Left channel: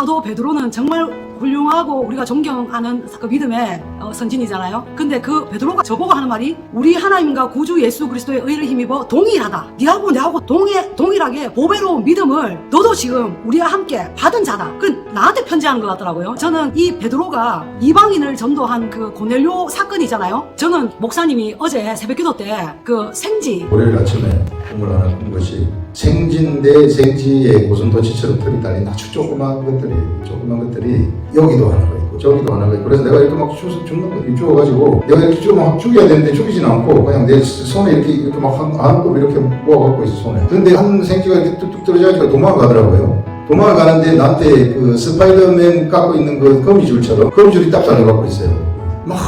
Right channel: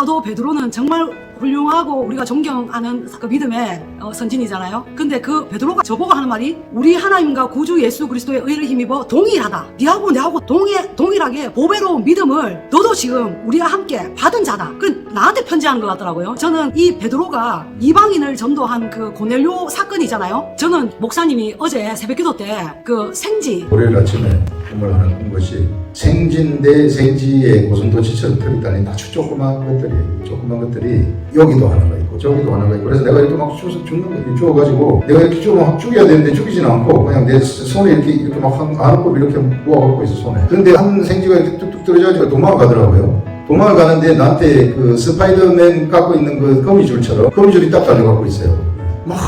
사도 베드로는 정말 훌륭하고 우리가 존경하는 그 믿음의 선진이잖아요. 근데 그 베드로가 저보고 하는 말이 우리 하나님과 구주 예수 그리스도의 의를 힘입어 동일하다. 네하고 내하고 동일하게 보배로운 믿음을 너도 지금 우리와 함께 받은 자다. 그 나한테 편지하는 것 같더라고요. 저는 이 베드로가 이방인을 전도한 그 고넬료 사건이잖아요. 저는 목사님이 어제 새벽기도 때 그 생지 월요일 아침에 꿈을 하나 꾼 것이 생지인데 생지에 고슴도치처럼 털이 달린 아주 조그만 것들이 여기도 하나가 있고 저기도 하나가 있고 그래서 내가 이렇게 막 주워가지고 내가 이렇게 쭉 막 죽여야 되는데 죽이진 않고 그냥 내 손에 이렇게 막 안고 이렇게 모아갖고 있어 손에. 근데 한 생지가 이렇게 뚝뚝 떨어져가지고 도망가더라고요. 도망가는데 나한테 그 스파이더맨 갖고 있는 그 거미줄처럼 거미줄이 딱 달려갖고 있어요. 막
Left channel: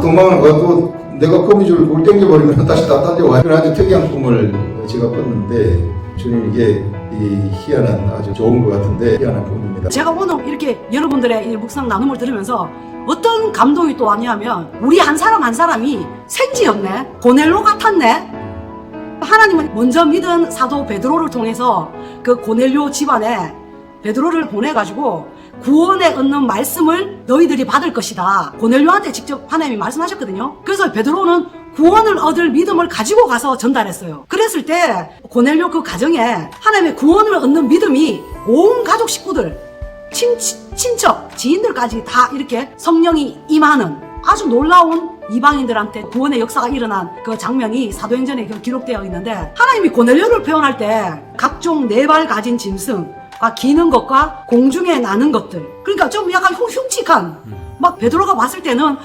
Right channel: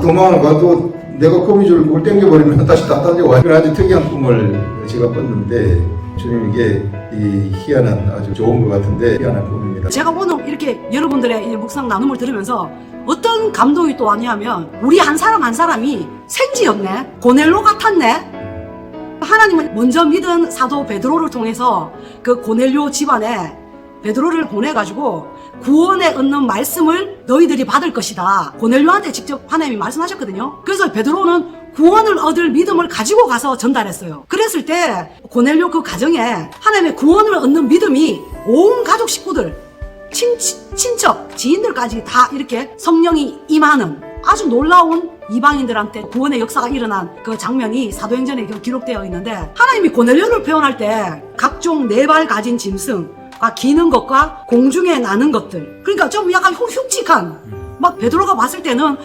도망을 가도 내가 거미줄을 그걸 땡겨버리면 다시 다 달려와요. 아주 특이한 꿈을 제가 꿨는데 주님 이게 이 희한한 아주 좋은 것 같은데 희한한 꿈입니다. 제가 오늘 이렇게 여러분들의 이 묵상 나눔을 들으면서 어떤 감동이 또 왔냐면 우리 한 사람 한 사람이 생지였네. 고넬로 같았네. 하나님은 먼저 믿은 사도 베드로를 통해서 그 고넬료 집안에 베드로를 보내가지고 구원에 얻는 말씀을 너희들이 받을 것이다. 고넬료한테 직접 하나님이 말씀하셨거든요. 그래서 베드로는 구원을 얻을 믿음을 가지고 가서 전달했어요. 그랬을 때 고넬료 그 가정에 하나님의 구원을 얻는 믿음이 온 가족 식구들, 친척, 지인들까지 다 이렇게 성령이 임하는 아주 놀라운 이방인들한테 구원의 역사가 일어난 그 장면이 사도행전에 기록되어 있는데 하나님이 고넬료를 표현할 때 각종 4발 가진 짐승 기는 것과 공중에 나는 것들. 그러니까 좀 약간 흉측한, 막 베드로가 봤을 때는,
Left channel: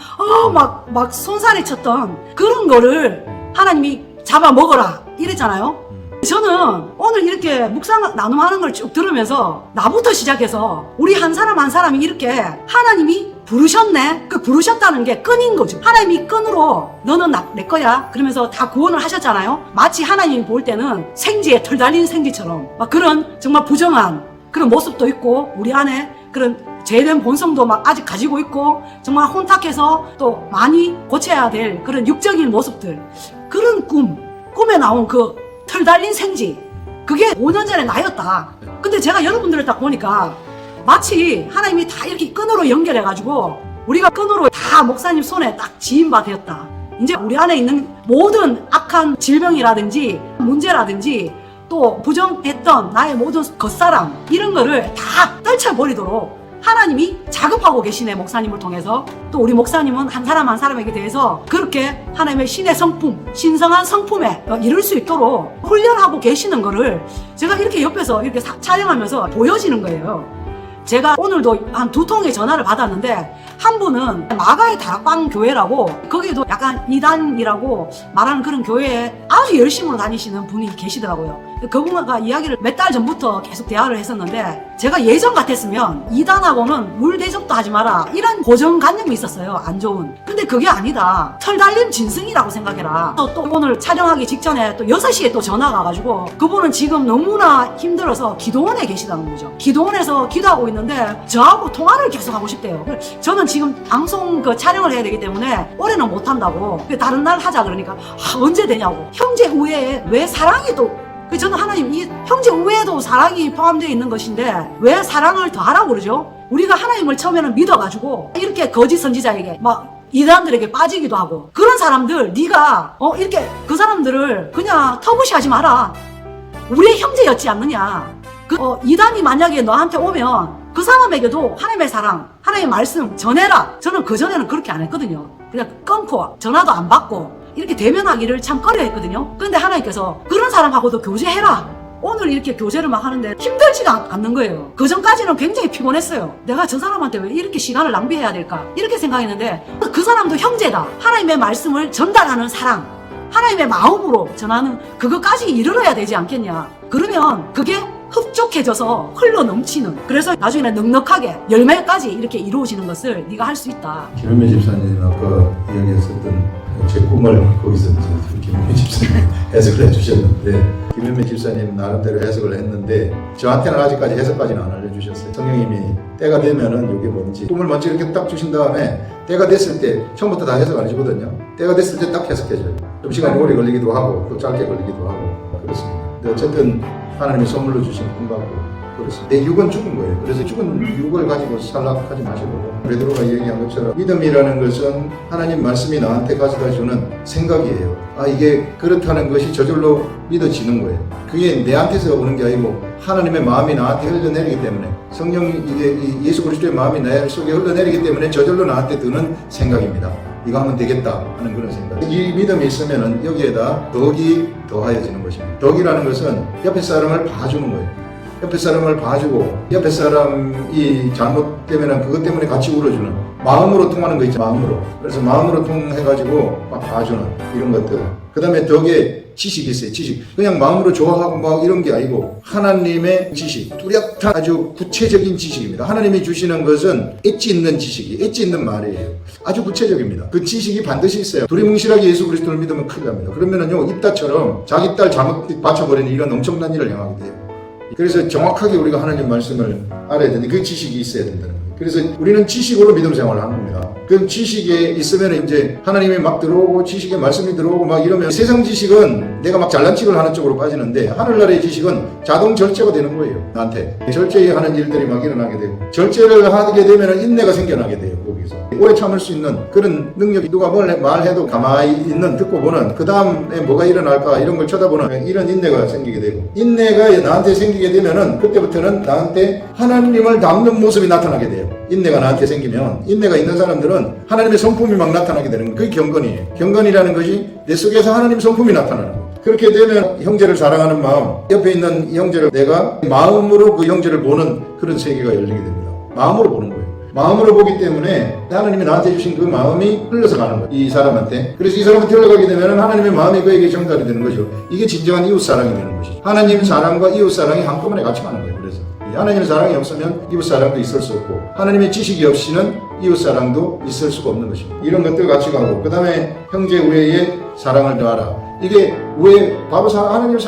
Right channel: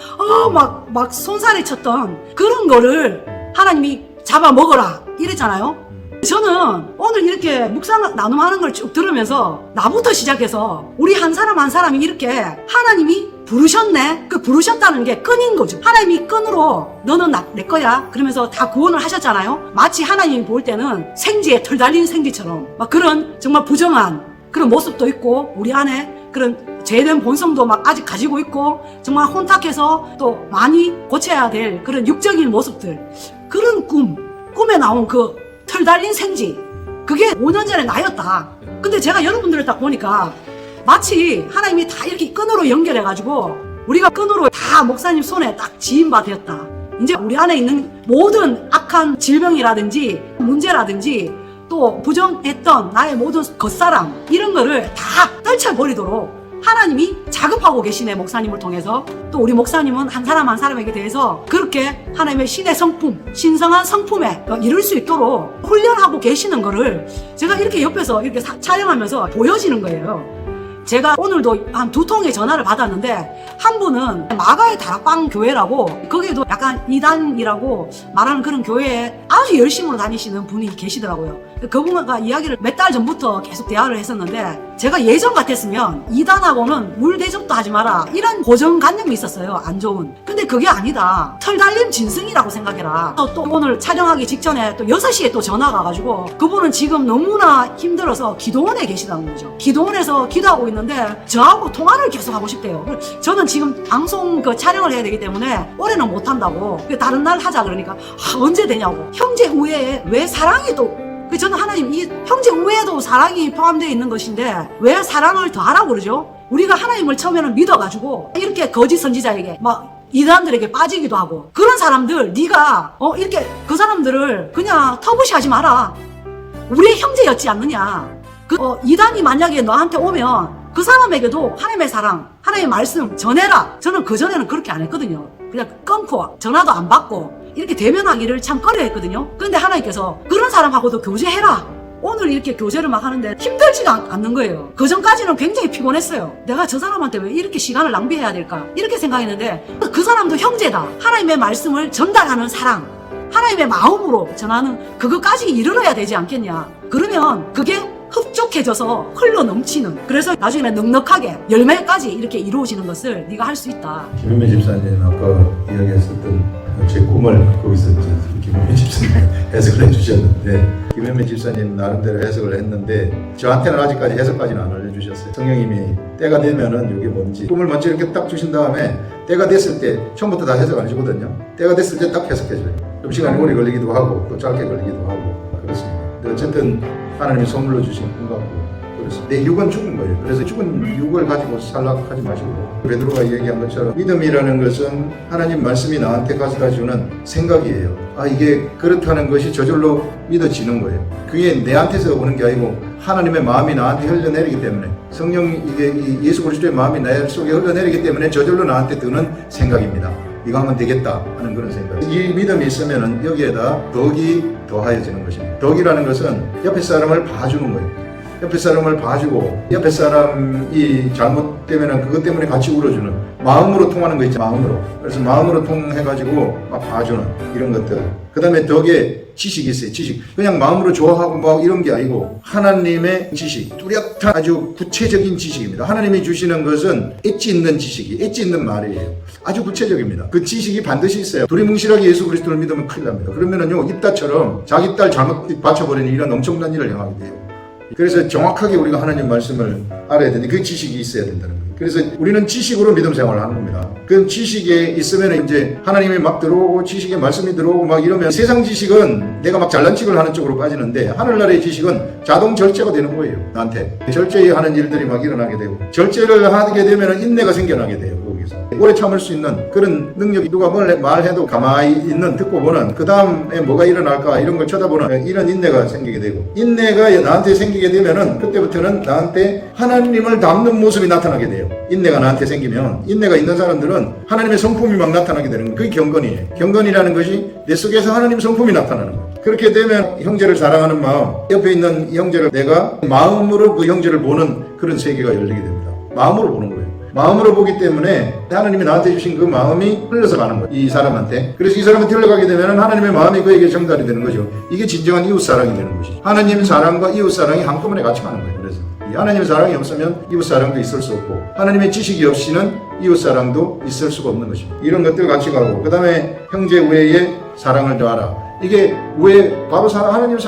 막 손살에 쳤던 그런 거를 하나님이 잡아 먹어라. 이랬잖아요. 저는 오늘 이렇게 묵상 나눔하는 걸 쭉 들으면서 나부터 시작해서 우리 한 사람 한 사람이 이렇게 하나님이 부르셨네. 그 부르셨다는 게 끈인 거죠. 하나님이 끈으로 너는 내 거야. 그러면서 다 구원을 하셨잖아요. 마치 하나님이 볼 때는 생지에 털 달린 생지처럼 막 그런 정말 부정한 그런 모습도 있고 우리 안에 그런 죄된 본성도 막 아직 가지고 있고 정말 혼탁해서 또 많이 고쳐야 될 그런 육적인 모습들. 그런 꿈에 나온 그 털 달린 생지. 그게 5년 전에 나였다. 근데 제가 여러분들을 딱 보니까 마치 하나님이 다 이렇게 끈으로 연결해가지고 우리가 끈으로 다 목사님 손에 딱 지인 바 되었다. 이제 우리 안에 있는 모든 악한 질병이라든지 문제라든지 또 부정했던 나의 모든 겉사랑 이런 거를 다 떨쳐버리도록 하나님이 작업하고 계시네. 목사님을 통해서. 또 우리 목사님은 한 사람 한 사람에게 대해서 그렇게 하나님의 신의 성품, 신성한 성품에 이룰 수 있도록 훈련하고 계시는 거를 제가 이렇게 옆에서 이렇게 촬영하면서 보여지는 거예요. 제가 오늘도 한 2통의 전화를 받았는데 한 분은 마가의 다락방 교회라고 거기에도 약간 이단이라고 말하는 그런 교회에 아주 열심으로 다니시는 분이 계시더라고요. 그분과 이야기를 몇 달 전부터 계속 대화를 했었는데 제가 예전 같았으면 이단하고는 물 대접도 하지 마라 이런 고정관념이 있었어요. 안 좋은. 근데 그게 아니다. 털 달린 짐승이라고 생각해라. 또 오늘 촬영하기 직전에 또 6시에 또 전화가 와가지고 그분은 지금 너무나 힘들어서 기도원에 계시다는 거죠. 기도원에서 기도하고 있는데 저하고 통화를 계속 하고 싶대요. 저는 지금 방송 그 촬영을 해야 되기 때문에 올해는 못한다고 다른 날 하자 그러니까 언제 되냐고. 형제 우애에 왜 사랑이 또 저는 하나님 이 형제 우애에도 사랑이 포함되어 있는 것인데 왜 사랑을 더 하라고 그러죠? 우리가 하나님을 처음에는 믿어가지고 이렇게 거짓 선지자에게 막 이단들에게 빠지기도 하고 그런 사람들 네가 이렇게 그 사람들을 그냥 터부시하지 마라. 우리의 형제였지 않느냐. 이단이 만약에 너한테 오면 그 사람에게도 하나님의 사랑, 하나님의 말씀 전해라. 저는 그전에는 그렇게 안 했거든요. 그냥 끊고 전화도 안 받고 이렇게 대면하기를 참 꺼려했거든요. 그런데 하나님께서 그런 사람하고도 교제해라. 오늘 이렇게 교제를 막 하는데 힘들지가 않는 거예요. 그전까지는 굉장히 피곤했어요. 내가 저 사람한테 왜 이렇게 시간을 낭비해야 될까? 이렇게 생각했는데 그 사람도 형제다. 하나님의 말씀을 전달하는 사랑, 하나님의 마음으로 전하는 그것까지 이르러야 되지 않겠냐. 그러면 그게 흡족해져서 흘러 넘치는, 그래서 나중에는 넉넉하게 열매까지 이렇게 이루어지는 것을 네가 할 수 있다. 김현미 집사님 아까 이야기했었던 제 꿈을 거기서 김현미 집사님 해석을 해주셨는데, 김현미 집사님 나름대로 해석을 했는데 저한테는 아직까지 해석까지는 안 알려주셨어요. 성령님이 때가 되면은 이게 뭔지 꿈을 먼저 이렇게 딱 주신 다음에 때가 됐을 때 처음부터 다 해석 안 해주거든요. 때가 됐을 때 딱 해석해줘요. 좀 시간이 오래 걸리기도 하고 또 짧게 걸리기도 하고 그렇습니다. 근데 어쨌든 하나님이 선물로 주신 꿈 같고 그래서 내 육은 죽은 거예요. 그래서 죽은 육을 가지고 살락하지 마시고 베드로가 얘기한 것처럼 믿음이라는 것은 하나님 말씀이 나한테 가져다 주는 생각이에요. 이게 그렇다는 것이 저절로 믿어지는 거예요. 그게 내한테서 오는 게 아니고 하나님의 마음이 나한테 흘러내리기 때문에 성령 이게 예수 그리스도의 마음이 내 속에 흘러내리기 때문에 저절로 나한테 드는 생각입니다. 이거 하면 되겠다 하는 그런 생각. 이 믿음이 있으면은 여기에다 덕이 더하여지는 것입니다. 덕이라는 것은 옆에 사람을 봐주는 거예요. 옆에 사람을 봐주고 옆에 사람이 잘못되면 그것 때문에 같이 울어주는 마음으로 통하는 거 있죠. 마음으로. 그래서 마음으로 통해가지고 막 봐주는 이런 것들. 그 다음에 덕에 지식이 있어요. 지식. 그냥 마음으로 좋아하고 막 이런 게 아니고 하나님의 지식. 뚜렷한 아주 구체적인 지식입니다. 하나님이 주시는 것은 엣지 있는 지식이 엣지 있는 말이에요. 아주 구체적입니다. 그 지식이 반드시 있어요. 두리뭉실하게 예수 그리스도를 믿으면 큰일 납니다. 그러면은요 입다처럼 자기 딸 잘못 바쳐버리는 이런 엄청난 일을 행하게 돼요. 그래서 정확하게 우리가 하나님 말씀을 알아야 되는데 그 지식이 있어야 된다는 거예요. 그래서 우리는 지식으로 믿음 생활을 하는 겁니다. 그 지식에 있으면 이제 하나님이 막 들어오고 지식의 말씀이 들어오고 막 이러면 세상 지식은 내가 막 잘난 척을 하는 쪽으로 빠지는데 하늘나라의 지식은 자동 절제가 되는 거예요. 나한테 절제하는 일들이 막 일어나게 되고 절제를 하게 되면 인내가 생겨나게 돼요. 거기서 오래 참을 수 있는 그런 능력이 누가 뭘 말해도 가만히 있는 듣고 보는 그 다음에 뭐가 일어날까 이런 걸 쳐다보는 이런 인내가 생기게 되고 인내가 나한테 생기게 되면은 그때부터는 나한테 하나님을 닮는 모습이 나타나게 돼요. 인내가 나한테 생기면 인내가 있는 사람들은 하나님의 성품이 막 나타나게 되는 거예요. 그게 경건이에요. 경건이라는 것이 내 속에서 하나님 성품이 나타나는 거예요. 그렇게 되면 형제를 사랑하는 마음, 옆에 있는 형제를 내가 마음으로 그 형제를 보는 그런 세계가 열리게 됩니다. 마음으로 보는 거예요. 마음으로 보기 때문에 하나님이 나한테 주신 그 마음이 흘러서 가는 거예요. 이 사람한테. 그래서 이 사람한테 흘러가게 되면 하나님의 마음이 그에게 전달이 되는 거죠. 이게 진정한 이웃사랑이 되는 것이죠. 하나님 사랑과 이웃사랑이 한꺼번에 같이 가는 거예요. 그래서 하나님의 사랑이 없으면 이웃사랑도 있을 수 없고 하나님의 지식이 없이는 이웃사랑도 있을 수가 없는 것입니다. 이런 것들 같이 가고 그 다음에 형제 우애에 사랑을 더하라. 이게 왜 바로 하나님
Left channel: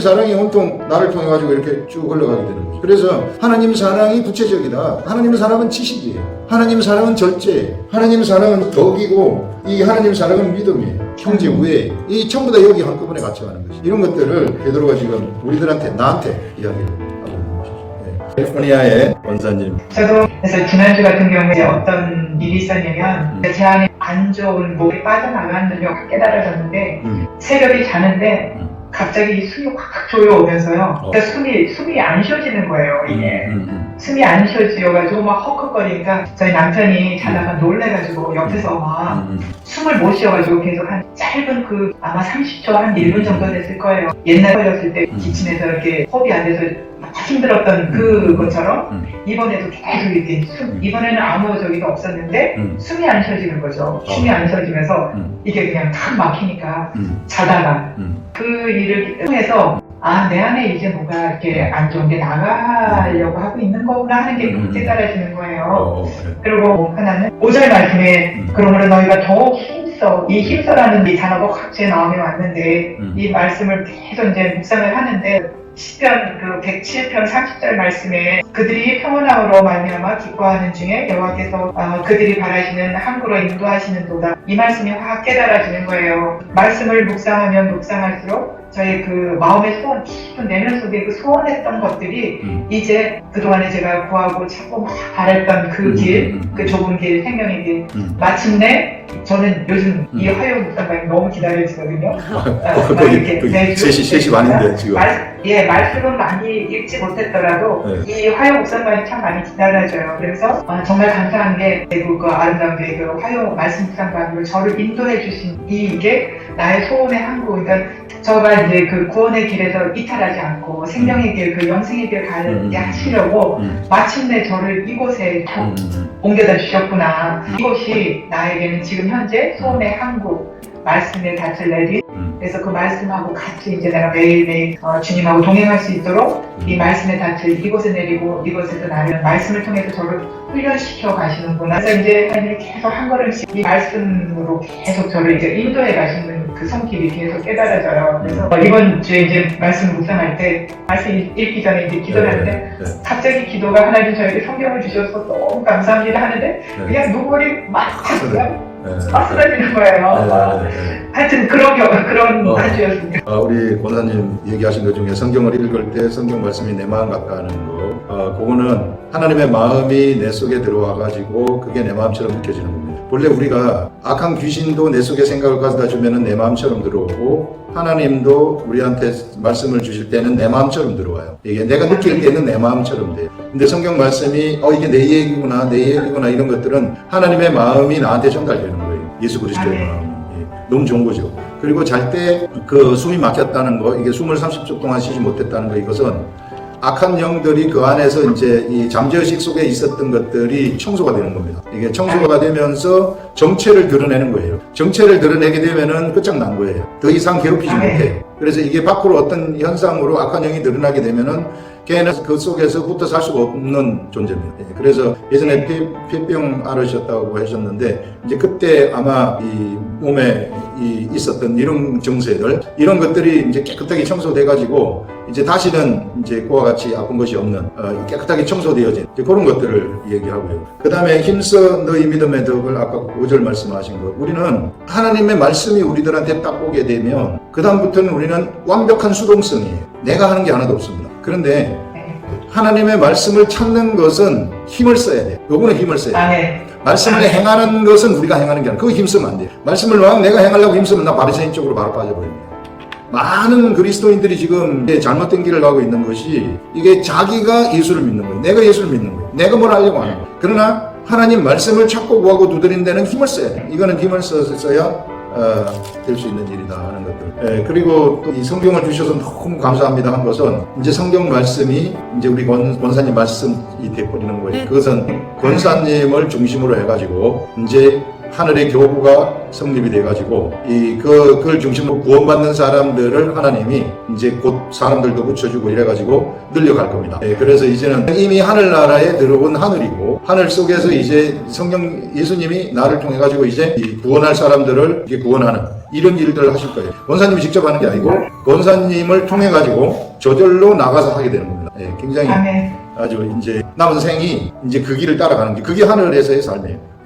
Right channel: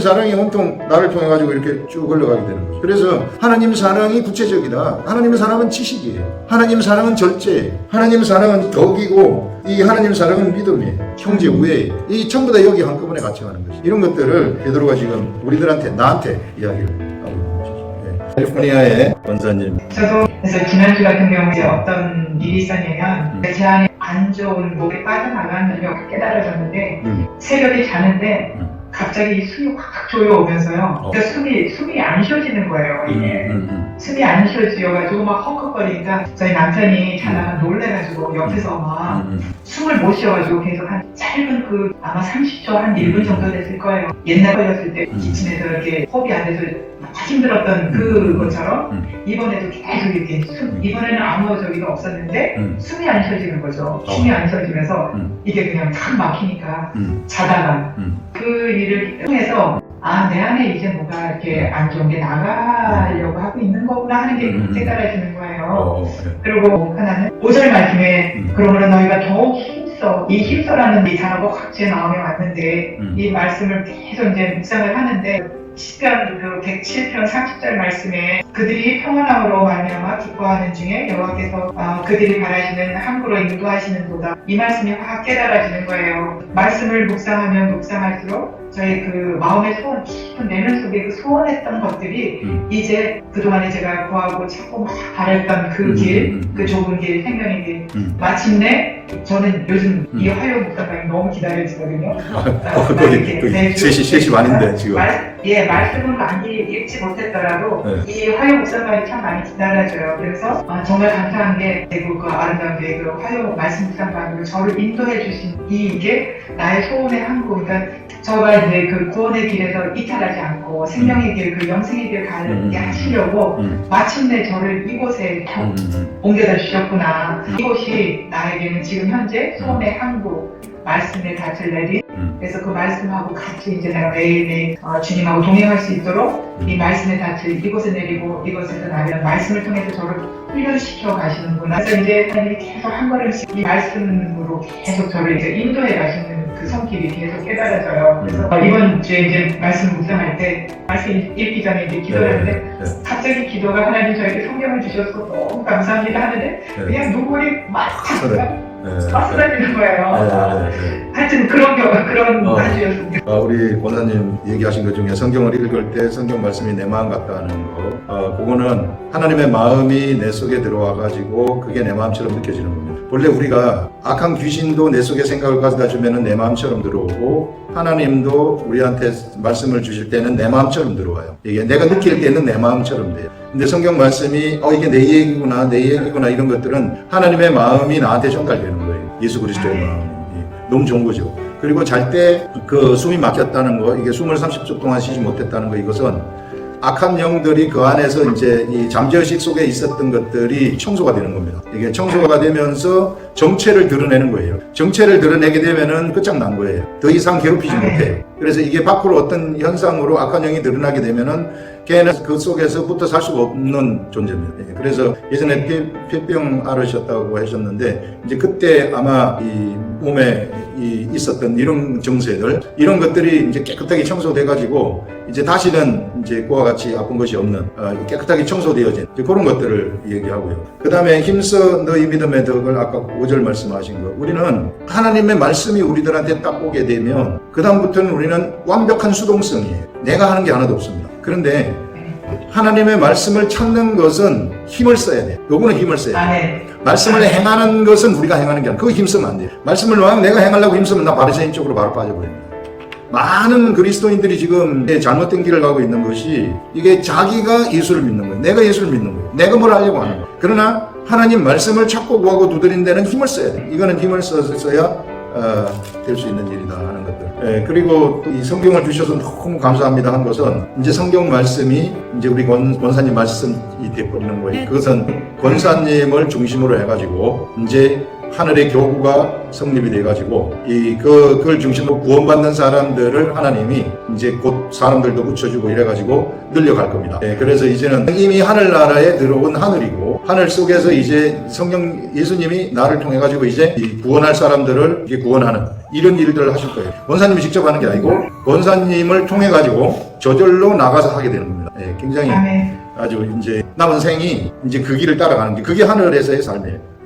사랑이 온통 나를 통해 가지고 이렇게 쭉 흘러가게 되는 거죠. 그래서 하나님 사랑이 구체적이다. 하나님 사랑은 지식이에요. 하나님 사랑은 절제예요. 하나님 사랑은 덕이고 이 하나님 사랑은 믿음이에요. 형제 우애 이 전부 다 여기 한꺼번에 같이 가는 것이. 이런 것들을 베드로가 지금 우리들한테 나한테 이야기를 하고 있는 것이죠. 캘리포니아의 원사님. 저도 그래서 지난주 같은 경우에 어떤 일이 있었냐면 제 안에 안 좋은 목에 빠져나가는 걸 깨달아졌는데 새벽에 자는데 갑자기 숨이 확 조여오면서요. 그러니까 숨이 안 쉬어지는 거예요. 이게 숨이 안 쉬어지어가지고 막 헉헉거리니까 저희 남편이 자다가 놀래가지고 옆에서 막 숨을 못 쉬어가지고 계속 한 짧은 그 아마 30초 한 1분 정도 됐을 거예요. 옛날 걸렸을 때 기침해서 이렇게 호흡이 안 돼서 막 힘들었던 그것처럼 이번에도 계속 이렇게 이번에는 아무 저기가 없었는데 숨이 안 쉬어지는 거죠. 숨이 안 쉬어지면서 이게 그냥 탁 막히니까 자다가 그 일을 통해서 내 안에 이제 뭐가 이렇게 안 좋은 게 나가려고 하고 있는 거구나 하는 게 깨달아지는 거예요. 그리고 하나는 5절 말씀에 그러므로 너희가 더욱 힘써 이 힘써라는 이 단어가 확 제 마음에 왔는데 이 말씀을 계속 이제 묵상을 하는데 시편 그 107편 30절 말씀에 그들이 평안함으로 말미암아 기뻐하는 중에 여호와께서 그들이 바라시는 항구로 인도하시는도다. 이 말씀이 확 깨달아지는 거예요. 말씀을 묵상하면 묵상할수록 저의 그 마음의 소원, 깊은 내면 속에 그 소원했던 것들이 이제 그동안에 제가 구하고 찾고 막 바랬던 그 길, 그 좁은 길, 생명의 길, 마침내 저는 요즘 이 화요 묵상방이 너무 기다려지거든요. 거기 3시 반인데 지금. 말씀은 많이 읽지 못했더라도 이 화요 묵상방이 참 많이 기다려져요. 그래서 정말 감사한 게 대구 그 아름다운 그 화요 말씀 묵상방으로 저를 인도해 주신 이게 나의 소원의 항구. 그러니까 저가 이제 그 구원의 길에서 이탈하지 않고 생명의 길, 그 영생의 길 가게 하시려고 마침내 저를 이곳에 옮겨다 주셨구나. 이곳이 나에게는 지금 현재 소원의 항구, 말씀의 닻을 내린 그래서 그 말씀하고 같이 이제 내가 매일매일 주님하고 동행할 수 있도록 이 말씀의 닻을 이곳에 내리고 이곳에서 나는 말씀을 통해서 저를 훈련시켜 가시는구나. 그래서 이제 하나님이 계속 한 걸음씩 이 말씀으로 계속 저를 이제 인도해 가시는 그 손길이 계속 깨달아져요. 그래서 이번 주에 이제 말씀 묵상할 때 말씀 읽기 전에 이제 기도를 하는데 갑자기 기도가 하나님 저에게 성경을 주셔서 너무 감사합니다 하는데 그냥 눈물이 막 찼어요. 쓰러지는 거예요. 하여튼 그런 사주였습니다. 우리 권사님 얘기하신 것 중에 성경을 읽을 때 성경 말씀이 내 마음 같다는 거, 그거는 하나님의 마음이 내 속에 들어와가지고 그게 내 마음처럼 느껴지는 겁니다. 본래 우리가 악한 귀신도 내 속에 생각을 가져다 주면은 내 마음처럼 들어오고, 하나님도 우리한테 말씀을 주실 때는 내 마음처럼 들어와요. 이게 내가 느낄 때는 내 마음처럼 돼요. 근데 성경 말씀이 이게 내 얘기구나, 내 얘기구나, 이런 것들은 하나님의 마음이 나한테 전달되는 거예요. 예수 그리스도의 마음이. 너무 좋은 거죠. 그리고 잘 때 그 숨이 막혔다는 거, 이게 숨을 30초 동안 쉬지 못했다는 거, 이것은 악한 영들이 그 안에서 이제 이 잠재의식 속에 있었던 것들이 청소가 되는 겁니다. 이게 청소가 되면서 정체를 드러내는 거예요. 정체를 드러내게 되면은 끝장난 거예요. 더 이상 괴롭히지 못해요. 그래서 이게 밖으로 어떤 현상으로 악한 영이 드러나게 되면은 걔는 그 속에서 붙어 살 수가 없는 존재입니다. 그래서 예전에 폐병 앓으셨다고 하셨는데, 이제 그때 아마 이 몸에 있었던 이런 증세들, 이런 것들이 이제 깨끗하게 청소돼가지고, 이제 다시는 이제 그와 같이 아픈 것이 없는, 깨끗하게 청소되어진 그런 것들을 얘기하고요. 그 다음에 힘써 너희 믿음의 덕을 아까 5절 말씀하신 거, 우리는 하나님의 말씀이 우리들한테 딱 오게 되면 그다음부터는 우리는 완벽한 수동성이에요. 내가 하는 게 하나도 없습니다. 그런데 하나님의 말씀을 찾는 것은 힘을 써야 돼요. 요거는 힘을 써야 돼요. 말씀을 행하는 것은 우리가 행하는 게 아니라 그거 힘쓰면 안 돼요. 말씀을 막 내가 행하려고 힘쓰면 나 바리새인 쪽으로 바로 빠져버립니다. 많은 그리스도인들이 지금 잘못된 길을 가고 있는 것이, 이게 자기가 예수를 믿는 거예요. 내가 예수를 믿는 거예요. 내가 뭘 하려고 하는 거예요. 그러나 하나님 말씀을 찾고 구하고 두드린 데는 힘을 써야 돼요. 이거는 힘을 써야 될 수 있는 일이다 하는 것들. 그리고 또 이 성경을 주셔서 너무 감사합니다 한 것은, 이제 성경 말씀이 이제 우리 권사님 말씀이 돼버리는 거예요. 그것은 권사님을 중심으로 해가지고 이제 하늘의 교구가 성립이 돼가지고 그걸 중심으로 구원받는 사람들을 하나님이 이제 곧 사람들도 붙여주고 이래가지고 늘려갈 겁니다. 그래서 이제는 이미 하늘나라에 들어온 하늘이고, 하늘 속에서 이제 성령 예수님이 나를 통해 가지고 이제 구원할 사람들을 이렇게 구원하는 이런 일들을 하실 거예요. 권사님이 직접 하는 게 아니고 권사님을 통해 가지고 저절로 나가서 하게 되는 겁니다. 굉장히 아주 이제 남은 생이 이제 그 길을 따라가는 게, 그게 하늘에서의 삶이에요.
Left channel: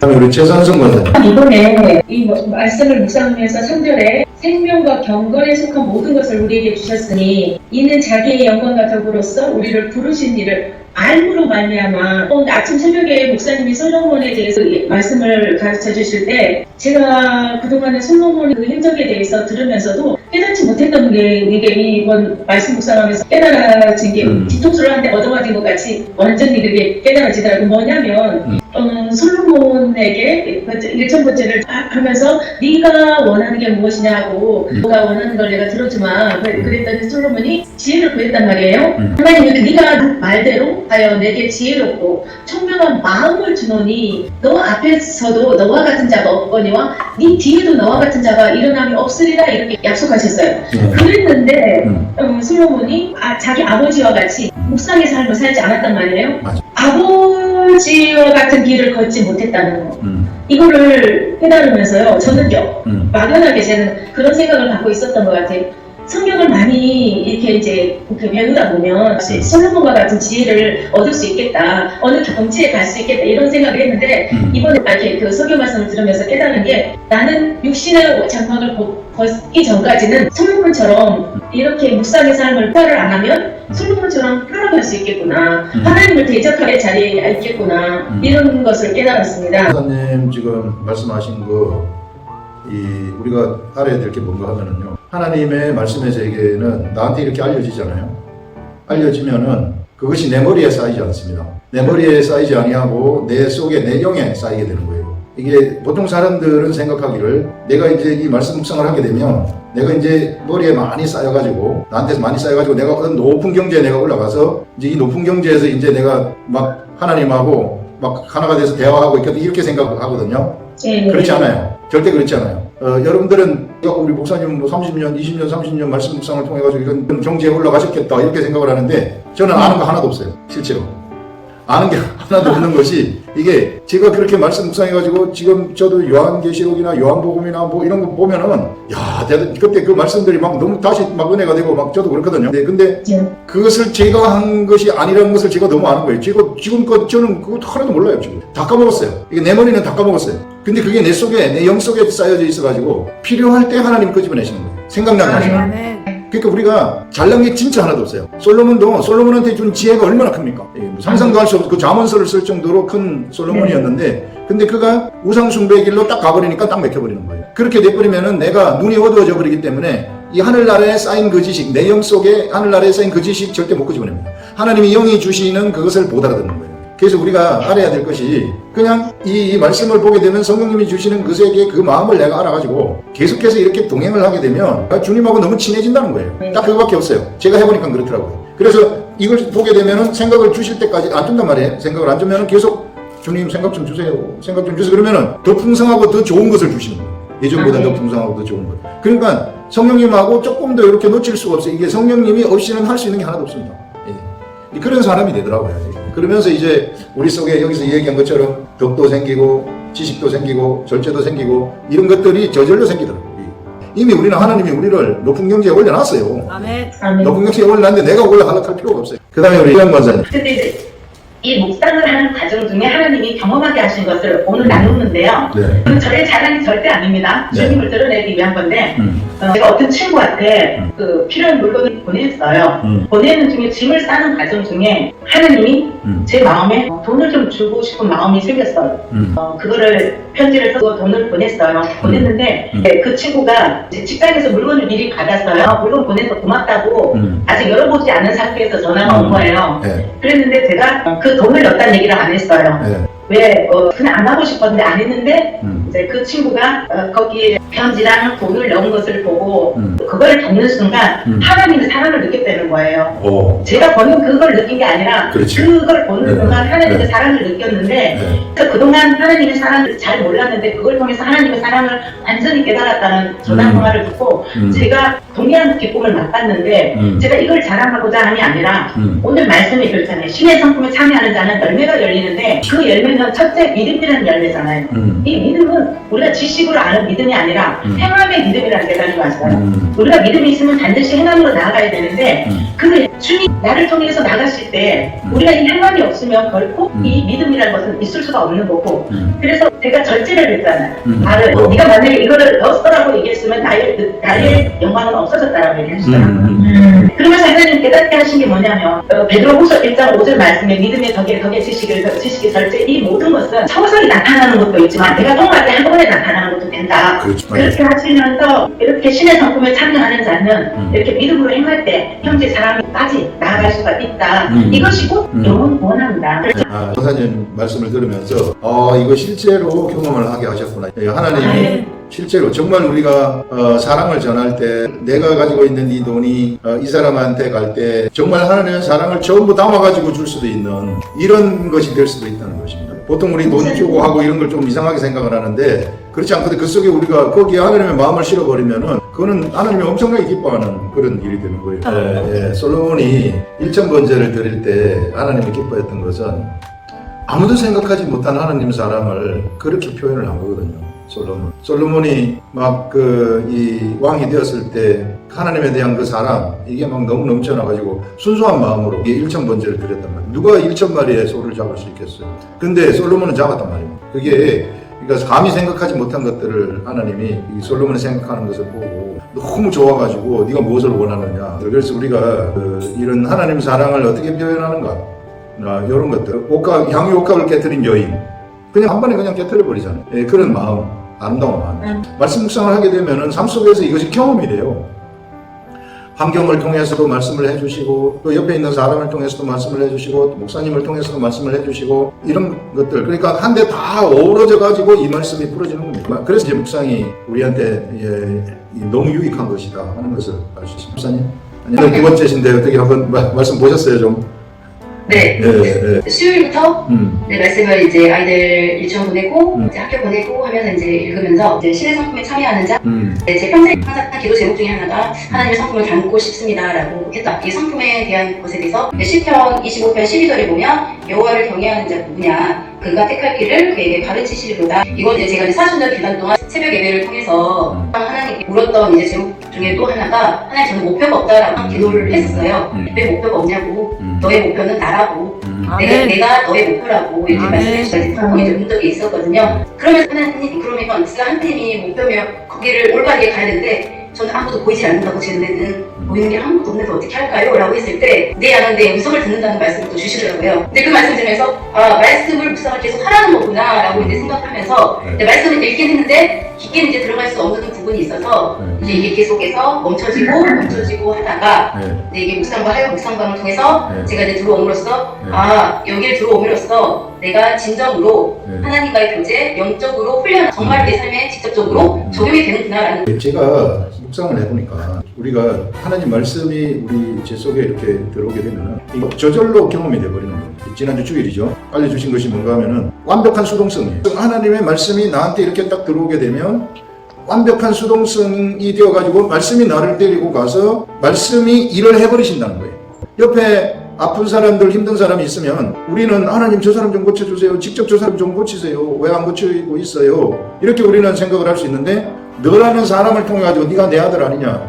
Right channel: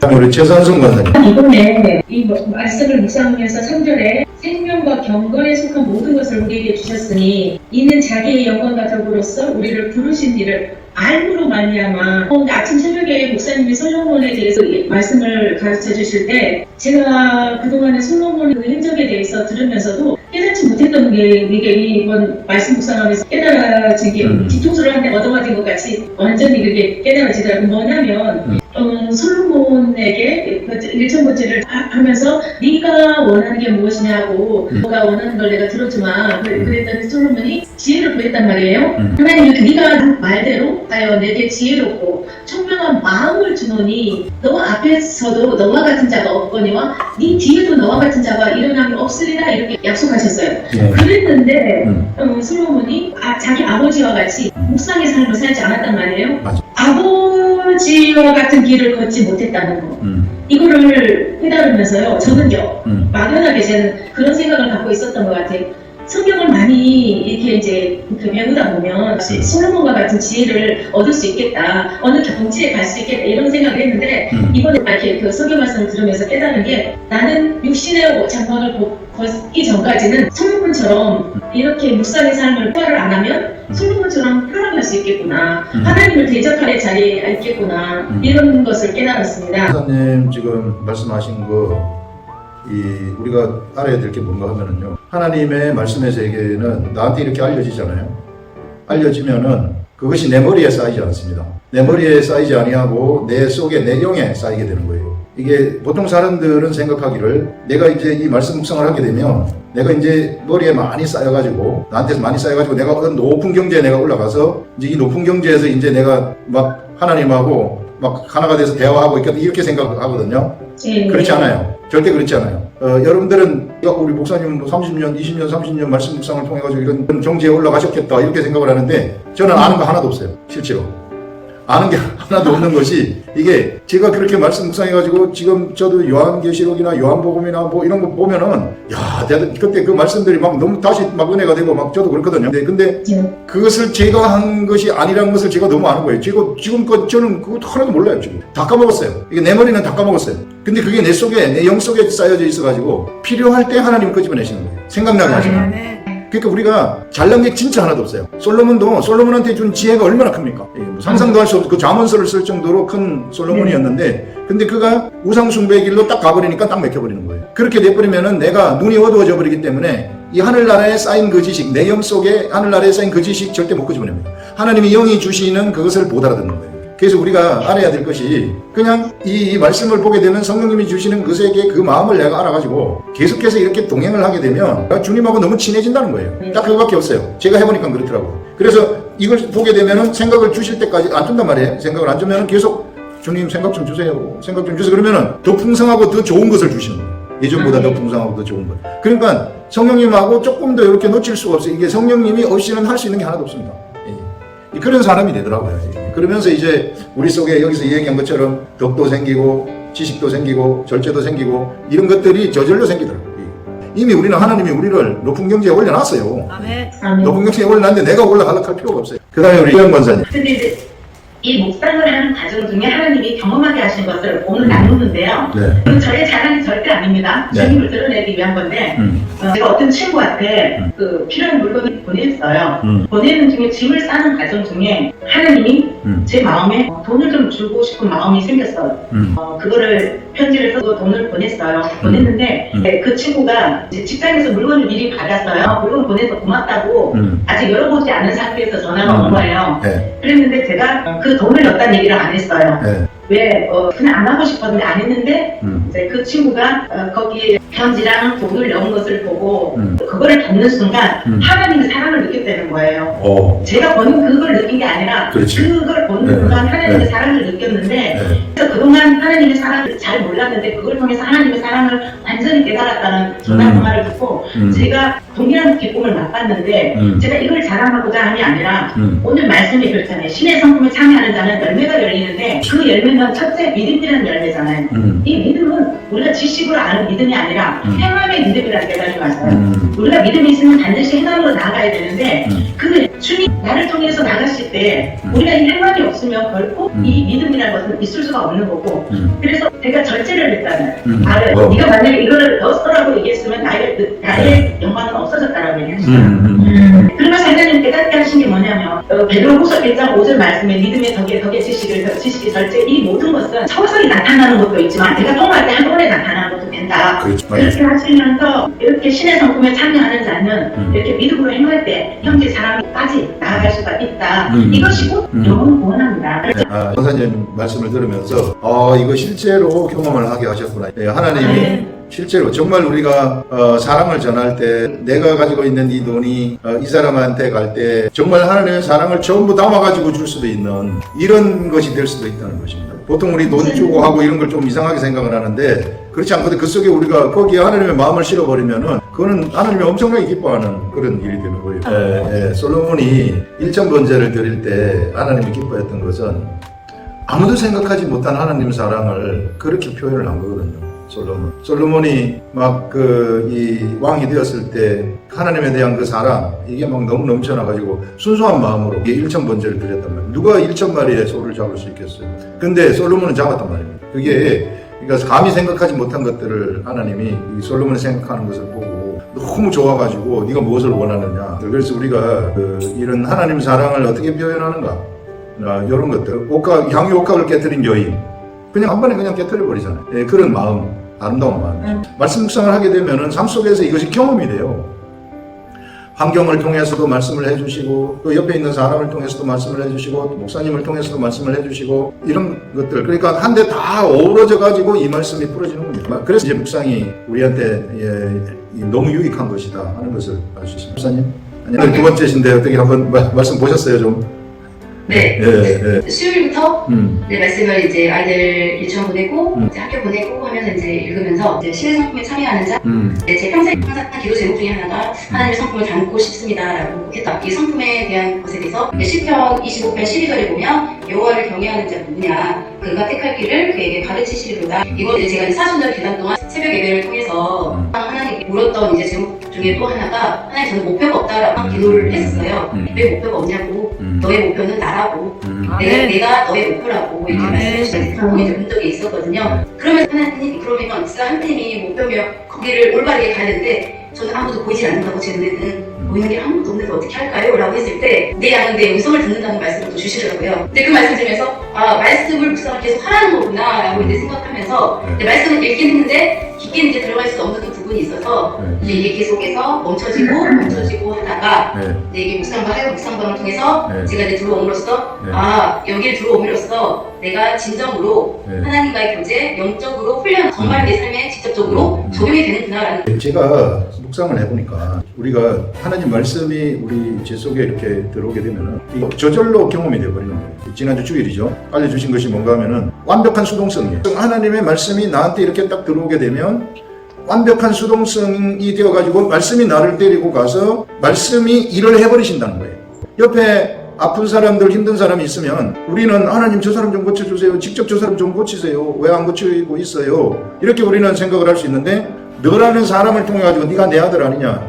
다음에 우리 최선승 권사님. 이번에 이 말씀을 묵상하면서 3절에 생명과 경건에 속한 모든 것을 우리에게 주셨으니 이는 자기의 영광과 덕으로서 우리를 부르신 일을 알므로 말미암아. 아침 새벽에 목사님이 솔로몬에 대해서 말씀을 가르쳐 주실 때, 제가 그동안에 솔로몬 그 행적에 대해서 들으면서도 깨닫지 못했던 게, 이게 이번 말씀 묵상하면서 깨달아진 게 뒤통수를 한 대 얻어맞은 것 같이 완전히 그게 깨달아지더라고요. 뭐냐면 솔로몬에게 1,000번째를 하면서 네가 원하는 게 무엇이냐고, 너가 원하는 걸 내가 들어주마 그랬더니 솔로몬이 지혜를 구했단 말이에요. 하나님이 네가 말대로 하여 내게 지혜롭고 청명한 마음을 주노니 너 앞에서도 너와 같은 자가 없거니와 네 뒤에도 너와 같은 자가 일어남이 없으리라, 이렇게 약속하셨어요. 그랬는데 솔로몬이 자기 아버지와 같이 묵상의 삶을 살지 않았단 말이에요. 아버지와 같은 길을 걷지 못했다는 거. 이거를 깨달으면서요, 저는요, 막연하게 저는 그런 생각을 갖고 있었던 것 같아요. 성경을 많이 이렇게 이제 배우다 보면 솔로몬과 같은 지혜를 얻을 수 있겠다, 어느 경지에 갈 수 있겠다, 이런 생각을 했는데, 이번에 이렇게 그 성경 말씀을 들으면서 깨달은 게, 나는 육신의 장막을 걷기 전까지는 솔로몬처럼 이렇게 묵상의 삶을 따를 안 하면 솔로몬처럼 흘러갈 수 있겠구나, 하나님을 대적할 자리에 있겠구나, 이런 것을 깨달았습니다. 권사님 지금 말씀하신 거, 우리가 알아야 될 게 뭔가 하면은요, 하나님의 말씀의 세계는 나한테 이렇게 알려지잖아요. 알려지면은 그것이 내 머리에 쌓이지 않습니다. 내 머리에 쌓이지 아니하고 내 속에, 내 영에 쌓이게 되는 거예요. 이게 보통 사람들은 생각하기를, 내가 이제 이 말씀 묵상을 하게 되면 내가 이제 머리에 많이 쌓여가지고, 나한테서 많이 쌓여가지고 내가 어떤 높은 경지에 내가 올라가서 이제 이 높은 경지에서 이제 내가 막 하나님하고 막 하나가 돼서 대화하고 있겠다, 이렇게 생각하거든요. 그렇지 않아요. 절대 그렇지 않아요. 여러분들은 우리 목사님 30년, 20년, 30년 말씀 묵상을 통해 가지고 이런 경지에 올라가셨겠다, 이렇게 생각을 하는데, 저는 아는 거 하나도 없어요. 실제로 아는 게 하나도 없는 것이, 이게 제가 그렇게 말씀 묵상해가지고 지금 저도 요한계시록이나 요한복음이나 뭐 이런 거 보면은, 야, 그때 그 말씀들이 막 너무 다시 막 은혜가 되고 막 저도 그렇거든요. 근데 그것을 제가 한 것이 아니라는 것을 제가 너무 아는 거예요. 지금껏 저는 그거 하나도 몰라요. 지금 다 까먹었어요. 이게 내 머리는 다 까먹었어요. 근데 그게 내 속에, 내 영 속에 쌓여져 있어가지고 필요할 때 하나님을 끄집어내시는 거예요. 생각나게 하시는 거예요. 네. 그러니까 우리가 잘난 게 진짜 하나도 없어요. 솔로몬한테 준 지혜가 얼마나 큽니까? 뭐 상상도 할 수 없어. 그 잠언서를 쓸 정도로 큰 솔로몬이었는데, 근데 그가 우상숭배의 길로 딱 가버리니까 딱 맥혀버리는 거예요. 그렇게 돼버리면은 내가 눈이 어두워져 버리기 때문에 이 하늘나라에 쌓인 그 지식, 내 영 속에 하늘나라에 쌓인 그 지식 절대 못 끄집어냅니다. 하나님이 영이 주시는 그것을 못 알아듣는 거예요. 그래서 우리가 알아야 될 것이 그냥 이 말씀을 보게 되면 성령님이 주시는 것에게 그 마음을 내가 알아가지고 계속해서 이렇게 동행을 하게 되면 주님하고 너무 친해진다는 거예요. 딱 그거밖에 없어요. 제가 해보니까 그렇더라고요. 그래서 이걸 보게 되면은 생각을 주실 때까지 안 준단 말이에요. 생각을 안 주면은 계속 주님 생각 좀 주세요. 생각 좀 주세요. 그러면은 더 풍성하고 더 좋은 것을 주시는 거예요. 예전보다 더 풍성하고 더 좋은 것. 그러니까 성령님하고 조금 더 이렇게 놓칠 수가 없어요. 이게 성령님이 없이는 할 수 있는 게 하나도 없습니다. 그런 사람이 되더라고요. 그러면서 이제 우리 속에 여기서 얘기한 것처럼 덕도 생기고 지식도 생기고 절제도 생기고 이런 것들이 저절로 생기더라고요. 이미 우리는 하나님이 우리를 높은 경지에 올려놨어요. 아멘. 높은 경지에 올려놨는데 내가 올라가려고 할 필요가 없어요. 그 다음에 우리 이현 권사님. 근데 이제 이 묵상을 하는 과정 중에 하나님이 경험하게 하신 것을 오늘 나누는데요. 네. 저의 자랑이 절대 아닙니다. 네. 주님을 드러내기 위한 건데 제가 어떤 친구한테 그 필요한 물건을 보냈어요. 보내는 중에 짐을 싸는 과정 중에 하나님이 제 마음에 돈을 좀 주고 싶은 마음이 생겼어요. 그거를 편지를 쓰고 돈을 보냈어요. 보냈는데 네, 그 친구가 이제 직장에서 물건을 미리 받았어요. 물건 보내서 고맙다고 아직 열어보지 않은 상태에서 전화가 온 거예요. 네. 그랬는데 제가 그 돈을 넣었다는 얘기를 안 했어요. 네. 왜 그냥 안 하고 싶었는데 안 했는데 이제 그 친구가 거기에 편지랑 돈을 넣은 것을 보고 그걸 겪는 순간 하나님의 사랑을 느꼈다는 거예요. 오. 제가 보는 그걸 느낀 게 아니라 그렇지. 그걸 보는 네. 순간 하나님의 네. 사랑을 느꼈는데 네. 그래서 그동안 하나님의 사랑을 잘 몰랐는데 그걸 통해서 하나님의 사랑을 완전히 깨달았다는 전화 통화를 듣고 제가 동일한 기쁨을 맛봤는데 제가 이걸 자랑하고자 하는 게 아니라 오늘 말씀에 그렇잖아요. 신의 성품에 참여하는 자는 열매가 열리는데 그 열매는 첫째 믿음이라는 열매잖아요. 이 믿음은 우리가 지식으로 아는 믿음이 아니라 행함의 믿음이라는 데가 왔어요. 우리가 믿음이 있으면 반드시 행함으로 나아가야 되는데 그 주님 나를 통해서 나가실 때 우리가 이 행함이 없으면 결코 이 믿음이라는 것은 있을 수가 없는 거고 그래서 제가 절제를 했잖아요. 나를 네가 만약에 이거를 넣었어라고 얘기했으면 나의 영광은 없어졌다라고 얘기했어요. 그러면서 하나님 깨닫게 하신 게 뭐냐면 베드로후서 1장 5절 말씀에 믿음의 덕에 지식의 절제 이 모든 것은 서서히 나타나는 것도 있지만 내가 통과할 때 한 번에 나타나는 것도 된다. 그렇죠. 그렇게 하시면서 이렇게 신의 성품에 참여하는 자는 이렇게 믿음으로 행할 때 형제 사랑까지 나아갈 수가 있다. 이것이 곧 영혼 구원합니다. 아, 권사님 말씀을 들으면서 이거 실제로 경험을 하게 하셨구나. 하나님이 실제로 정말 우리가 사랑을 전할 때 내가 가지고 있는 이 돈이 이 사람한테 갈 때 정말 하나님의 사랑을 전부 담아가지고 줄 수도 있는 이런 것이 될 수도 있다는 것입니다. 보통 우리 돈 주고 하고 이런 걸 좀 이상하게 생각을 하는데 그렇지 않거든. 그 속에 우리가 거기에 하나님의 마음을 실어버리면은 그거는 하나님이 엄청나게 기뻐하는 그런 일이 되는 거예요. 솔로몬이 1,000번제를 드릴 때 하나님이 기뻐했던 것은 아무도 생각하지 못한 하나님의 사랑을 그렇게 표현을 한 거거든요. 솔로몬이 막 이 왕이 되었을 때 하나님에 대한 그 사랑 이게 막 너무 넘쳐나가지고 순수한 마음으로 이게 1,000번제를 드렸단 말이에요. 누가 1,000마리의 소를 잡을 수 있겠어요? 근데 솔로몬은 잡았단 말이에요. 그게 그러니까 감히 생각하지 못한 것들을 하나님이 이 솔로몬이 생각하는 것을 보고 너무 좋아가지고 네가 무엇을 원하느냐. 그래서 우리가 이런 하나님 사랑을 어떻게 표현하는가 이런 것들 향유 옥합을 깨뜨린 여인 그냥 한 번에 그냥 깨뜨려 버리잖아요. 그런 마음, 아름다운 마음. 말씀 묵상을 하게 되면은 삶 속에서 이것이 경험이 돼요. 환경을 통해서도 말씀을 해주시고 또 옆에 있는 사람을 통해서도 말씀을 해주시고 목사님을 통해서도 말씀을 해주시고 이런 것들 그러니까 한데 다 어우러져 가지고 이 말씀이 풀어지는 겁니다. 그래서 이제 묵상이 우리한테 너무 유익한 것이다 하는 것을 알 수 있습니다. 목사님 아니, 두 번째신데 어떻게 한번 말씀 보셨어요 좀? 네. 수요일부터 말씀을 이제 아이들 유치원 보내고 이제 학교 보내고 하면서 이제 읽으면서 이제 신의 성품에 참여하는 자 제 평생 항상 기도 제목 중에 하나가 하나님의 성품을 담고 싶습니다라고 했다. 이 성품에 대한 것에 대해서 시편 25편 12절에 보면 여호와를 경외하는 자가 누구냐 그가 택할 길을 그에게 가르치시리로다. 이건 이제 제가 사순절 기간 동안 새벽 예배를 통해서 하나님께 물었던 이제 제목 중에 또 하나가 하나님 저는 목표가 없다라고 기도를 했었어요. 왜 목표가 없냐고 너의 목표는 나라고 내가 너의 목표라고 이렇게 말씀해주셔서 본 적이 있었거든요. 그러면 하나님, 그러면 하나님이 목표면 거기를 올바르게 가야 되는데 저는 아무도 보이지 않는다고 제 눈에는 보이는 게 아무도 없는데 어떻게 할까요? 라고 했을 때 내 양은 내 음성을 듣는다는 말씀을 또 주시더라고요. 근데 그 말씀 들으면서 말씀을 묵상을 계속 하라는 거구나 라고 이제 생각하면서 말씀을 읽긴 했는데 깊게 이제 들어갈 수 없는 부분이 있어서 이게 계속해서 멈춰지고 하다가 이제 이게 묵상방을 통해서 제가 이제 들어옴으로써 여기에 들어옴으로써 내가 진정으로 하나님과의 교제, 영적으로 훈련, 정말 내 삶에 직접적으로 적용이 되는구나라는. 제가 묵상을 해보니까 우리가 하나님 말씀이 우리 제 속에 이렇게 들어오게 되면은 저절로 경험이 돼버리는 거예요. 지난주 주일이죠. 알려주신 것이 뭔가 하면은 완벽한 수동성이에요. 하나님의 말씀이 나한테 이렇게 딱 들어오게 되면 완벽한 수동성이 되어가지고 말씀이 나를 데리고 가서 말씀이 일을 해버리신다는 거예요. 옆에 아픈 사람들, 힘든 사람이 있으면 우리는 하나님 저 사람 좀 고쳐주세요. 직접 저 사람 좀 고치세요. 왜 안 고치고 있어요? 이렇게 우리는 생각을 할 수 있는데 너라는 사람을 통해 가지고 네가 내 아들 아니냐?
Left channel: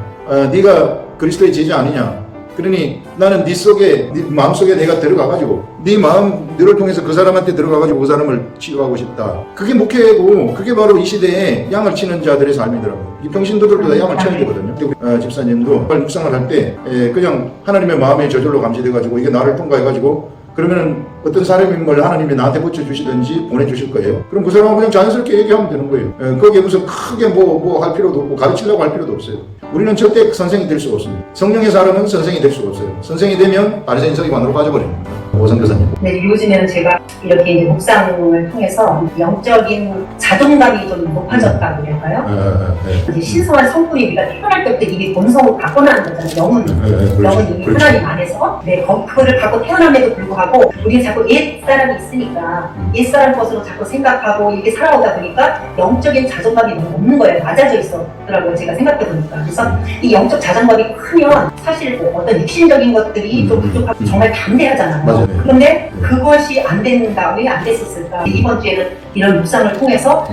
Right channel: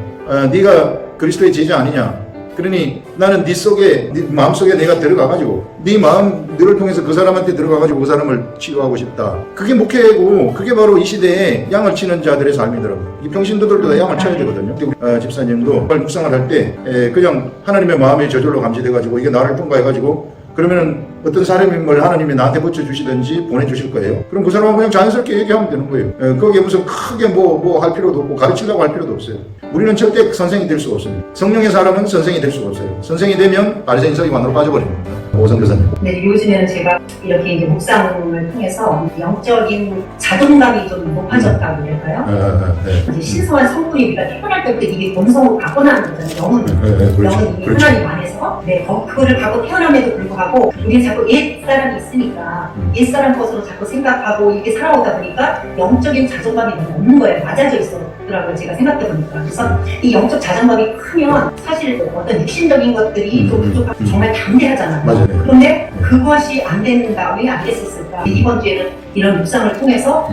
네가 그리스도의 제자 아니냐? 그러니 나는 네 속에, 네 마음속에 내가 들어가가지고 네 마음, 너를 통해서 그 사람한테 들어가가지고 그 사람을 치유하고 싶다. 그게 목회고 그게 바로 이 시대에 양을 치는 자들의 삶이더라고요. 이 평신도들도 다 양을 쳐야 되거든요. 우리 집사님도 묵상을 할 때 그냥 하나님의 마음에 저절로 감지돼가지고 이게 나를 통과해가지고 그러면 어떤 사람임을 하나님이 나한테 붙여주시든지 보내주실 거예요. 그럼 그 사람은 그냥 자연스럽게 얘기하면 되는 거예요. 거기에 무슨 크게 뭐 할 필요도 없고 가르치려고 할 필요도 없어요. 우리는 절대 선생이 될 수가 없습니다. 성령의 사람은 선생이 될 수가 없어요. 선생이 되면 바리새인 서기관으로 빠져버리는 거예요. 오성 교사님. 네, 요즘에는 제가 이렇게 이제 묵상을 통해서 영적인 자존감이 좀 높아졌다고 그럴까요? 이제 신성한 성품이 우리가 태어날 때부터 이게 본성으로 갖고 나는 거잖아요. 영은 이미 하나님 안에서 그거를 갖고 태어남에도 불구하고 우리는 자꾸 옛사람이 있으니까 옛사람 것으로 자꾸 생각하고 이렇게 살아오다 보니까 영적인 자존감이 너무 없는 거예요. 낮아져 있더라고요. 제가 생각해 보니까. 그래서 이 영적 자존감이 크면 사실 어떤 육신적인 것들이 좀 부족하고 정말 담대하잖아요. 맞아요. 그런데 그것이 안 된다. 왜 안 됐었을까? 이번 주에는 이런 묵상을 통해서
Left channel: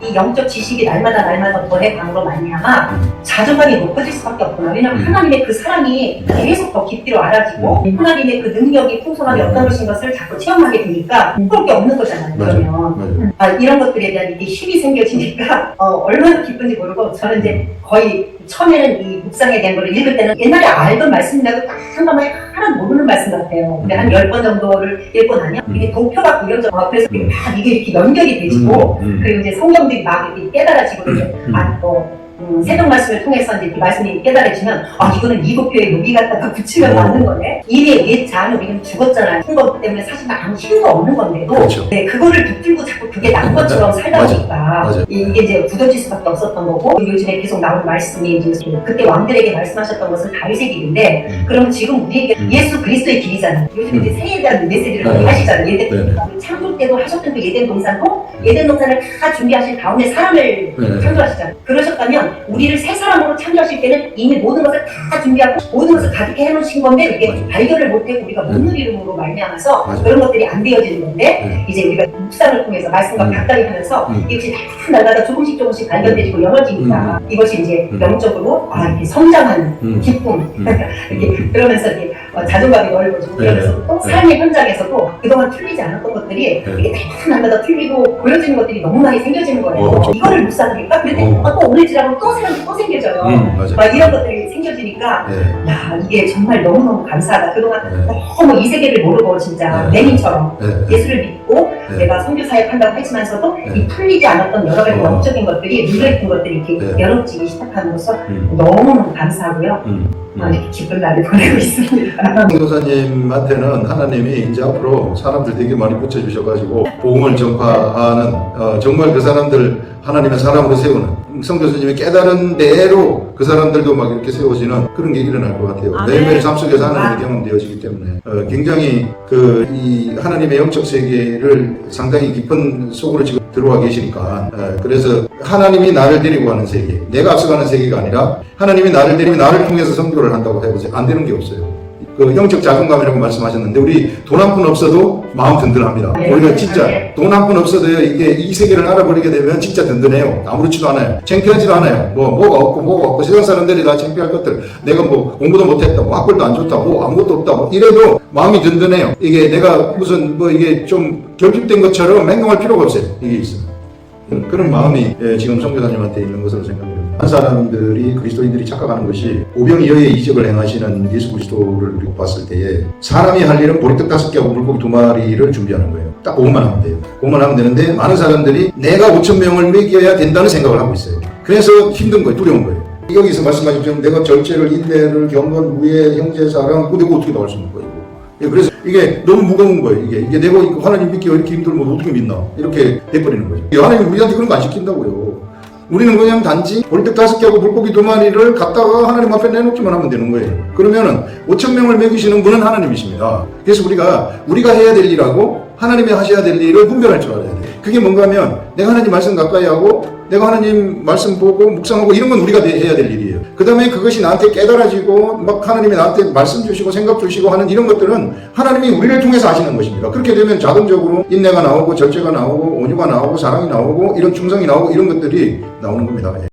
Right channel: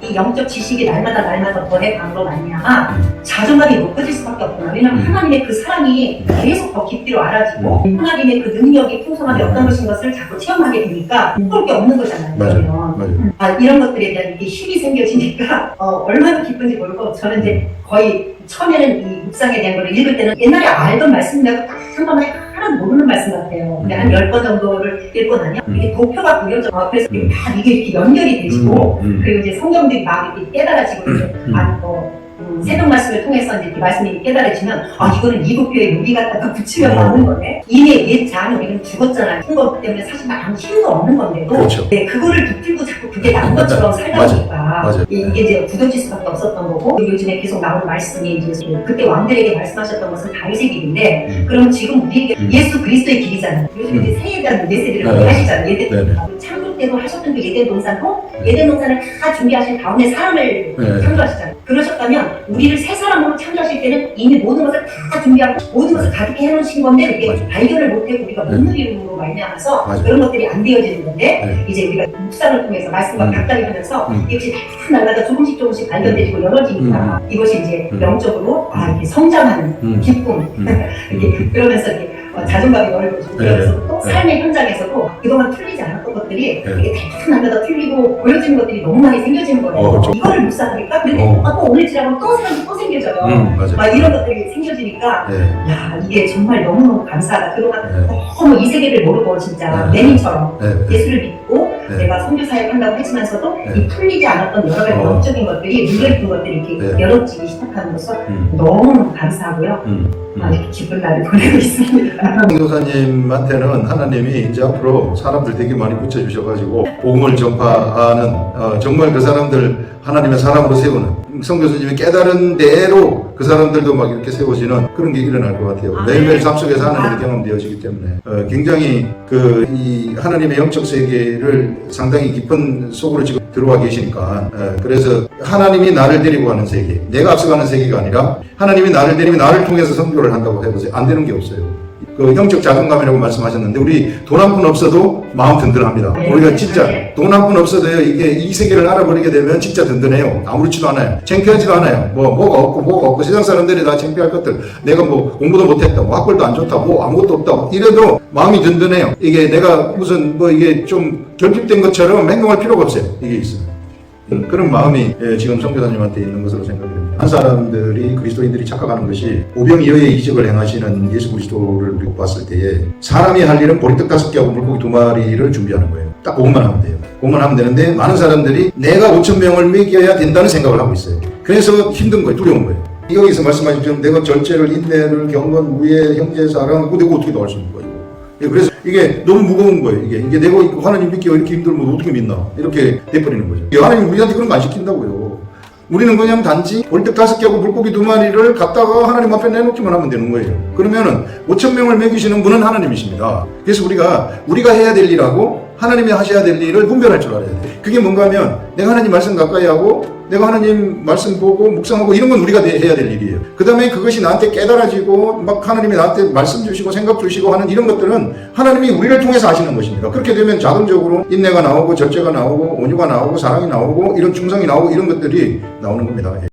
이 영적 지식이 날마다 더해감으로 말미암아 자존감이 높아질 수밖에 없구나. 왜냐하면 하나님의 그 사랑이 계속 더 깊이로 알아지고 하나님의 그 능력이 풍성하게 어떤 것인 것을 자꾸 체험하게 되니까 그럴 게 없는 거잖아요. 그러면 이런 것들에 대한 이게 힘이 생겨지니까 얼마나 기쁜지 모르고 저는 이제 거의 처음에는 이 묵상에 대한 걸 읽을 때는 옛날에 알던 말씀이라도 딱 한 번에 하나도 모르는 말씀 같아요. 근데 한 10번 정도를 읽고 나면 이게 도표가 구겨져. 그래서 다 이게 이렇게 연결이 되시고 그리고 이제 성경들이 막 이렇게 깨달아지고 새벽 말씀을 통해서 이제 그 말씀이 깨달아지면 이거는 이도표에 여기 갖다가 붙이면 맞는 거네. 이미 옛 자는 우리는 죽었잖아요. 그런 것 때문에 사실 아무 힘도 없는 건데도 그렇죠. 그거를 붙들고 자꾸 그게 난 것처럼 살다 보니까 이게 이제 굳어질 수밖에 없었던 거고 요즘에 계속 나오는 말씀이 이제 그때 왕들에게 말씀하셨던 것은 다윗의 길인데 그럼 지금 우리에게 예수 그리스도의 길이잖아요. 요즘 이제 새에 대한 메시지를 많이 하시잖아요. 예대 창조 때도 하셨던 그 예대 본산도 예대 본산을 다 준비하신 가운데 사람을 창조하시잖아요. 그러셨다면 우리를 새 사람으로 창조하실 때는 이미 모든 것을 다 준비하고 모든 것을 가득히 해놓으신 건데 이게 발견을 못하고 우리가 못 누림으로 말미암아서 그런 것들이 안 되어지는 건데 이제 우리가 묵상을 통해서 말씀과 가까이 하면서 이것이 다 날마다 조금씩 발견되고 열어지니까 이것이 이제 영적으로 이렇게 성장하는 기쁨 이렇게 그러면서 이렇게 자존감이 넓어지고 그래서 또 삶의 현장에서도 그동안 틀리지 않았던 것들이 이게 다 날마다 틀리고 보여지는 것들이 너무 많이 생겨지는 거예요. 이거를 묵상하니까 그런데 또 오늘 지나면 또 생겨져요. 이런 것들이 생겨지니까 야 이게 정말 너무너무 감사하다. 그동안 너무 이 세계를 모르고 진짜 레닌처럼 예수를 믿고 내가 선교사역 한다고 했지만서도 이 풀리지 않았던 여러 가지 영적인 것들이 물려있던 것들이 이렇게 열어지기 시작함으로써 너무 감사하고요. 아주 기쁜 날을 보내고 있습니다. 교사님한테는 하나님이 이제 앞으로 사람들 되게 많이 붙여주셔가지고 복음을 전파하는 정말 그 사람들 하나님의 사람으로 세우는 성교수님이 깨달은 대로 그 사람들도 막 이렇게 세워지는 그런 게 일어날 것 같아요. 매일매일 삶 속에서 하나님이 경험되어지기 때문에 굉장히 이 하나님의 영적 세계를 상당히 깊은 속으로 지금 들어와 계시니까 그래서 하나님이 나를 데리고 가는 세계, 내가 앞서가는 세계가 아니라 하나님이 나를 데리고 나를 통해서 선교를 한다고 해보세요. 안 되는 게 없어요. 그 영적 자존감이라고 말씀하셨는데 우리 돈 한 푼 없어도 마음 든든합니다. 우리가 진짜 돈 한 푼 없어도요 이게 이 세계를 알아버리게 되면 진짜 든든해요. 아무렇지도 않아요. 창피하지도 않아요. 뭐가 없고 세상 사람들이 다 창피할 것들. 내가 뭐 공부도 못했다, 뭐 학벌도 안 좋다, 뭐 아무것도 없다, 뭐 이래도 마음이 든든해요. 이게 내가 무슨 뭐 이게 좀 결핍된 것처럼 행동할 필요가 없어요. 이게 있으면. 그런 마음이 지금 선교사님한테 있는 것으로 생각이 됩니다. 한 사람들이 그리스도인들이 착각하는 것이 오병이어의 이적을 행하시는 예수 그리스도를 우리가 봤을 때에 사람이 할 일은 보리떡 5개하고 물고기 2마리를 준비하는 거예요. 딱 그것만 하면 돼요. 그것만 하면 되는데 많은 사람들이 내가 5,000명을 먹여야 된다는 생각을 하고 있어요. 그래서 힘든 거예요. 두려운 거예요. 여기서 말씀하신 것처럼 내가 절제를, 인내를, 경건, 우애, 형제, 사랑, 내가 어떻게 나올 수 있는 거예요? 그래서 이게 너무 무거운 거예요. 이게 내가 하나님 믿기가 이렇게 힘들면 어떻게 믿나? 이렇게 돼버리는 거죠. 하나님 우리한테 그런 거 안 시킨다고요. 우리는 그냥 단지 보리떡 5개하고 물고기 2마리를 갖다가 하나님 앞에 내놓기만 하면 되는 거예요. 그러면은 5,000명을 먹이시는 분은 하나님이십니다. 그래서 우리가 해야 될 일하고 하나님이 하셔야 될 일을 분별할 줄 알아야 돼요. 그게 뭔가 하면 내가 하나님 말씀 가까이 하고 내가 하나님 말씀 보고 묵상하고 이런 건 우리가 해야 될 일이에요. 그 다음에 그것이 나한테 깨달아지고 막 하나님이 나한테 말씀 주시고 생각 주시고 하는 이런 것들은 하나님이 우리를 통해서 하시는 것입니다. 그렇게 되면 자동적으로 인내가 나오고 절제가 나오고 온유가 나오고 사랑이 나오고 이런 충성이 나오고 이런 것들이 나오는 겁니다.